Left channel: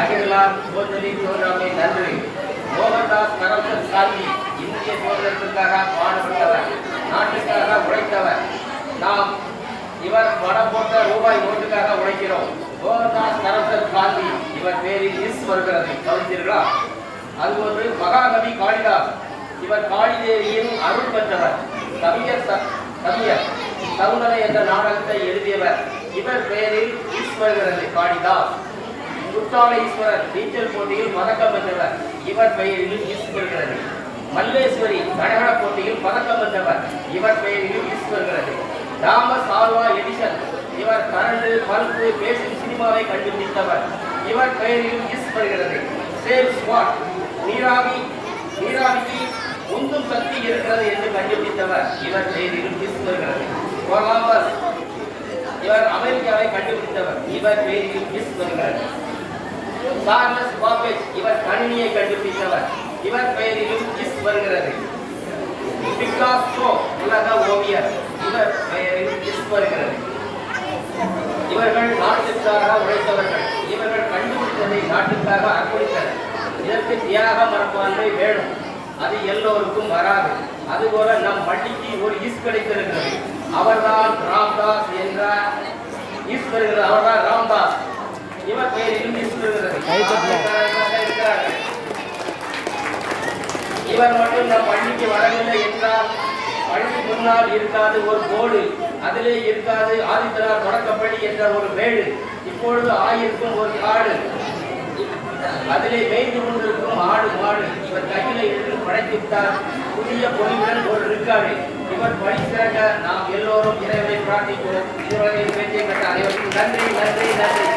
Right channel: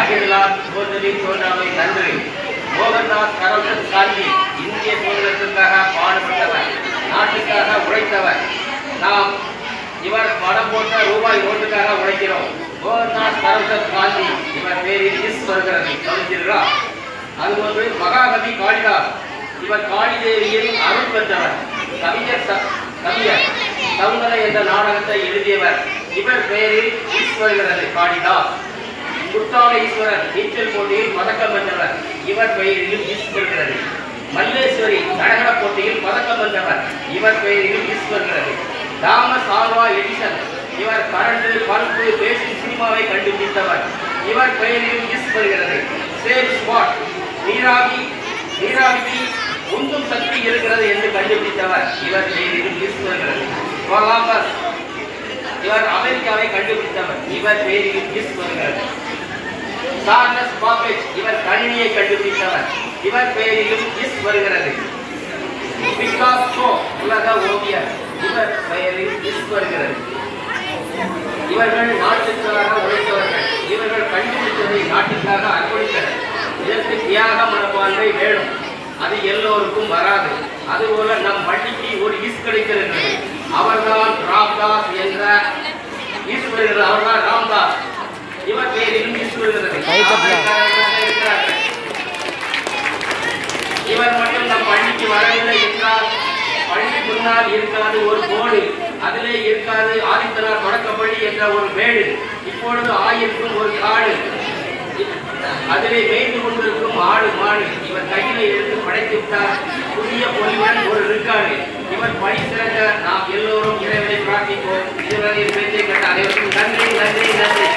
அகிலார் சோதரி தோன்றாமை நன்றி. மோகன்தாஸ் கரம்சந்த் காந்தி இந்திய சுதந்திரத்திற்காக பாடுபட்டவர் நாட்டுக்காக உழைத்தவர். நாம் இவர் பணம் போட்ட ரூபாய் நோட்டுக்காக உழைக்கிறோம். மோகன்தாஸ் கரம்சந்த் காந்தி இவர் பேரில் இஸ் வருகிறது. அது மற்றும் மகாகவி காளிதாஸ் இவர் காளிதேவியின் அருள் பெற்றவர். கவிஞர் கவிஞர் சவுந்தர என்ற நாடகத்தை எழுதியவர். இவர் பெயரில் இஸ் வருகிறது. காளிதாஸ் குற்றால ஈஸ்வரர் நீச்சல் போட்டியில் பதக்கம் வென்றவர். இவர் பெயரிலும் இஸ் வருகிறது மல்லேஸ்வரி நடன போட்டியில் பதக்கம் வென்றவர். இவர் பெயரிலும் இஸ் வருகிறது தாமஸ் ஆல்வா எடிசன் இவர் கரண்டு பல்பு பேசும் சினிமாவை கண்டுபிடித்தவர். இவர் பெயரிலும் மிஸ் வருகிறது சேவ் ஸ்வாட் நீராவி நீராவிக்கு உந்தும் சக்தி இருக்கிறது என்று கண்டுபிடித்தவர். இவர் பெயரிலும் மிஸ் வருகிறது இவர் அமெரிக்காவை கண்டுபிடித்தவர். இவர் பெயரிலும் மிஸ் வருகிறது சார்லஸ் பாபேஜ் இவர் கணினியை கண்டுபிடித்தவர். இவர் பெயரிலும் இஸ் வருகிறது. பிகாசோ உலக ஓவியர். இவர் பெயரில் இஸ் வருகிறது. இவர்கள் நாட்டுக்காக உழைத்தவர்கள். இவர்கள் கண்டுபிடித்ததை நாட்டுக்காக அர்ப்பணித்தனர். இதற்கு தியாக மனப்பான்மை வேணும். அது எல்லோருக்கும் வராது. அதுபோல நம் பள்ளிக்கு ஒரு இஸ் கிடைக்கிறது அவர்தான் ராம்தாஸ் என்ற இஸ் வருகிறது அவர்தான் ராம்தாஸ் இவர் பெயரிலும் இவர் மட்டும் நம் பள்ளிக்கு வரவில்லை என்றால் பள்ளி முன்னால் இருக்காது ஒரு போடு அதிலே இருக்காது ஆதித்தனார் தொடக்கப்பள்ளி என்ற ஒரு மேடு இப்பொழுது ஆயிருக்கும் ஒரு காடு. அதிலே மேய்ந்து கொண்டிருக்கும் ஆடு மாடு இவர் கையில எடுத்து படைத்துவிட்டார். புதிய பொலிவுடன் ஒரு இருக்காடு. இவர் பணி சிறக்க நாம் எல்லோரும் இறைவனை பிரார்த்திப்போம் இதுவரை என் பேச்சை கட்ட அனைவருக்கும் நன்றி நன்றி நன்றி.